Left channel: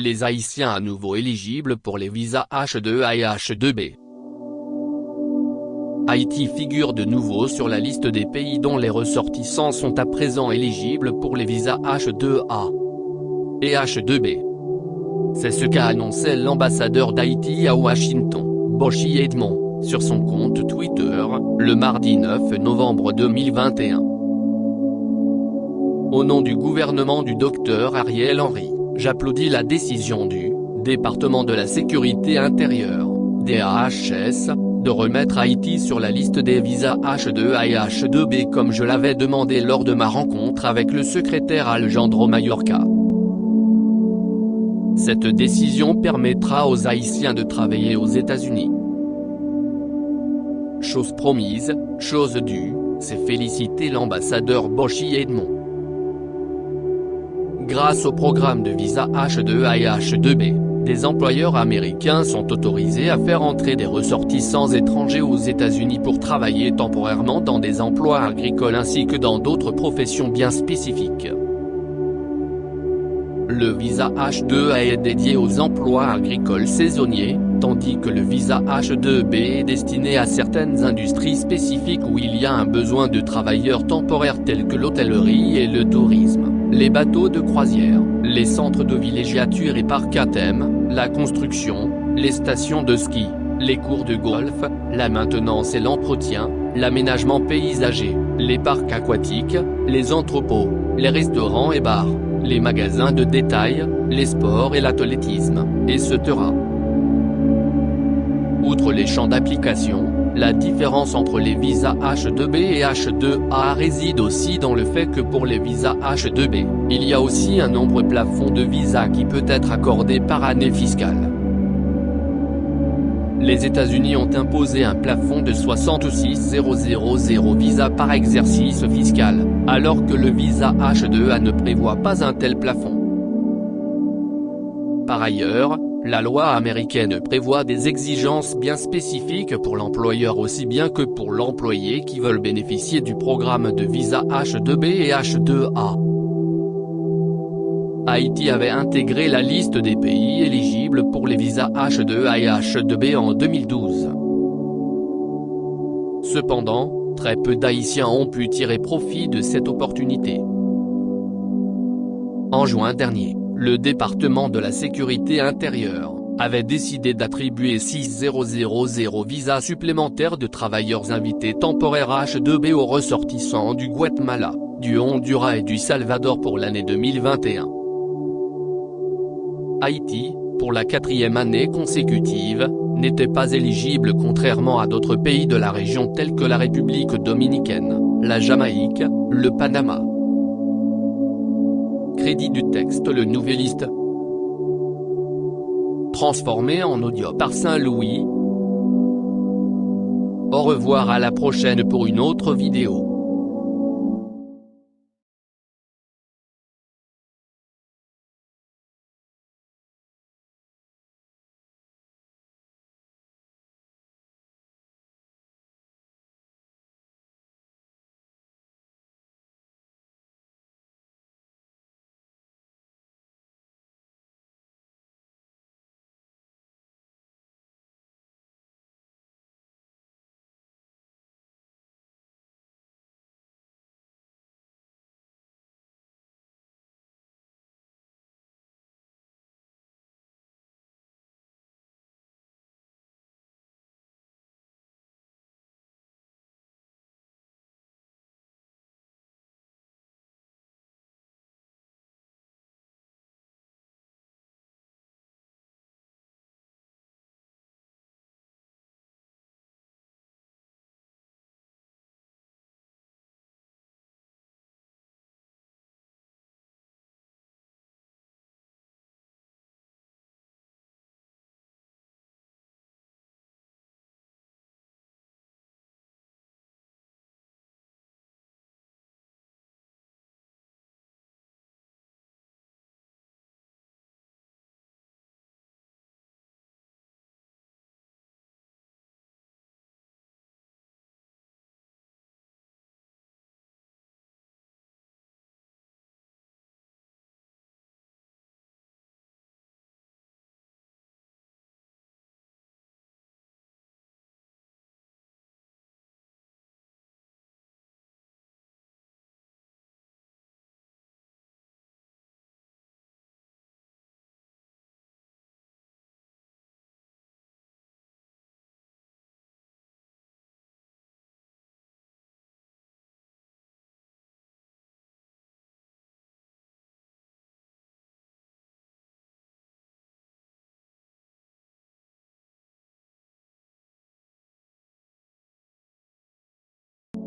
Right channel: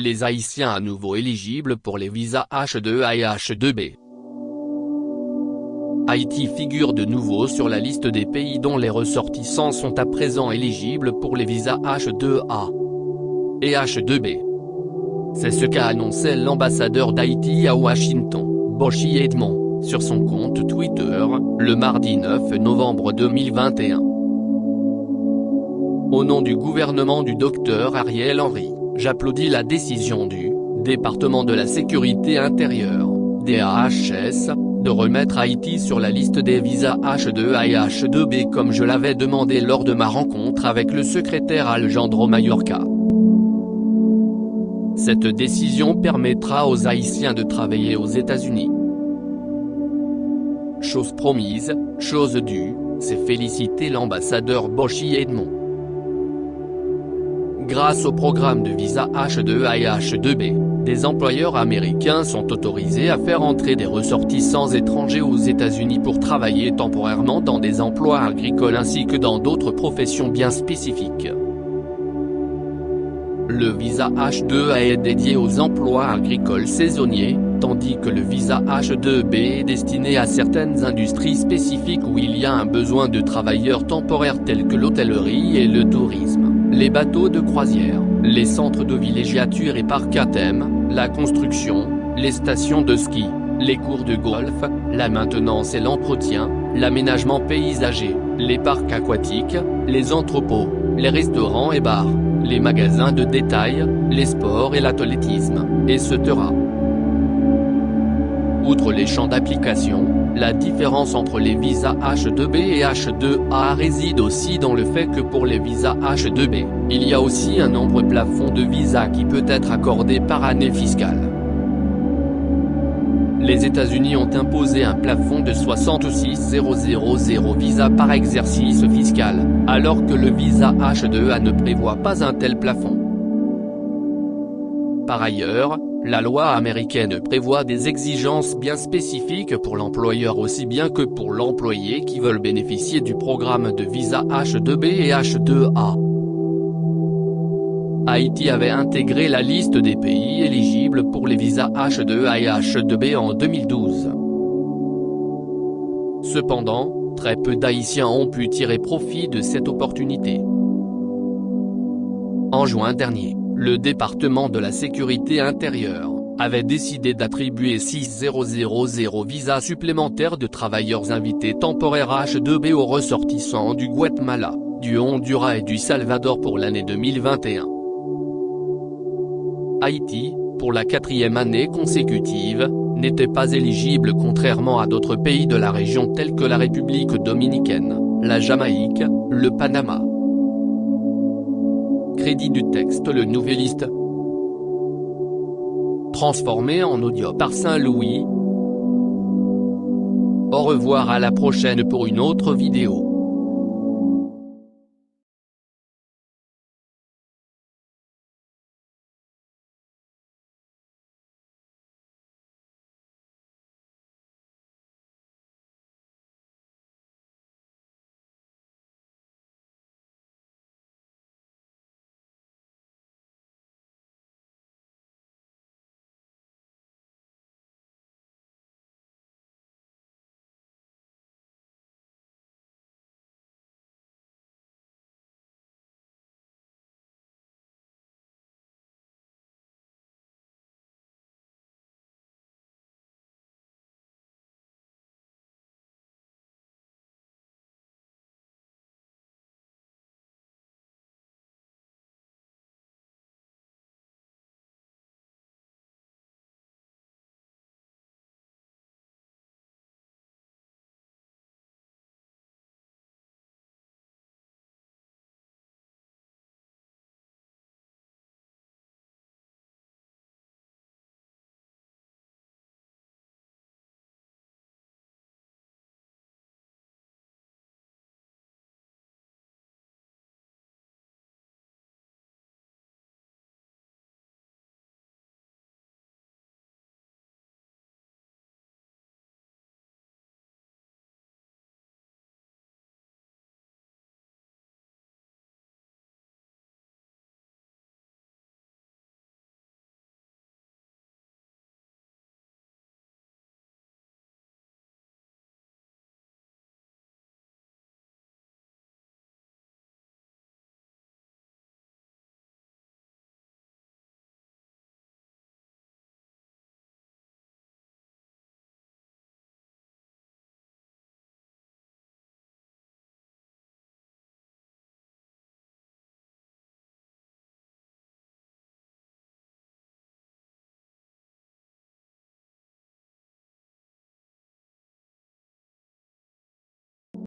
les Haïtiens à nouveau éligibles pour les visas H2A et H2B. Haïti figure de nouveau sur la liste des pays dont les ressortissants sont à présent éligibles pour les visas H2A et H2B. C'est ce qu'a annoncé l'ambassadeur d'Haïti à Washington, Boshi Edmond, sur son compte Twitter, le mardi 9 novembre 2021. Au nom du gouvernement du Dr Ariel Henry, j'applaudis la décision du département de la sécurité intérieure, DAHS, de remettre Haïti sur la liste des visas H2A et H2B comme je l'avais demandé lors de ma rencontre avec le secrétaire Alejandro Mayorkas. Cette décision permettra aux Haïtiens de travailler aux États-Unis. Chose promise, chose due, s'est félicité l'ambassadeur Boshi Edmond. Grâce au programme de visa H2A et H2B, des employeurs américains sont autorisés à faire entrer des ressortissants étrangers aux États-Unis pour travailler temporairement dans des emplois agricoles ainsi que dans d'autres professions bien spécifiques. Le visa H2A est dédié aux emplois agricoles saisonniers, tandis que le visa H2B est destiné à certaines industries spécifiques où il y a un besoin de travailleurs temporaires tels que l'hôtellerie et le tourisme, les bateaux de croisière, les centres de villégiature et parcs à thème, la construction, les stations de ski, les cours de golf, la maintenance et l'entretien, l'aménagement paysager, les parcs aquatiques, les entrepôts, les restaurants et bars, les magasins de détail, les sports et l'athlétisme, etc. Outre les champs d'application, la différence entre les visas H2B et H2A réside aussi dans le fait que pour les visas H2B, il y a aussi un nombre plafond de visas qui peut être accordé par année fiscale. Les États-Unis ont imposé un plafond de 66 000 visas par exercice fiscal, alors que le visa H2A ne prévoit pas un tel plafond. Par ailleurs, la loi américaine prévoit des exigences bien spécifiques pour l'employeur aussi bien que pour l'employé qui veulent bénéficier du programme de visa H2B et H2A. Haïti avait intégré la liste des pays éligibles pour les visas H2A et H2B en 2012. Cependant, très peu d'Haïtiens ont pu tirer profit de cette opportunité. En juin dernier, le département de la sécurité intérieure avait décidé d'attribuer 6000 visas supplémentaires de travailleurs invités temporaires H2B aux ressortissants du Guatemala, du Honduras et du Salvador pour l'année 2021. Haïti, pour la 4e année consécutive, n'était pas éligible contrairement à d'autres pays de la région tels que la République dominicaine, la Jamaïque, le Panama. Crédit du texte Le Nouvelliste. Transformé en audio par Saint-Louis. Au revoir, à la prochaine pour une autre vidéo.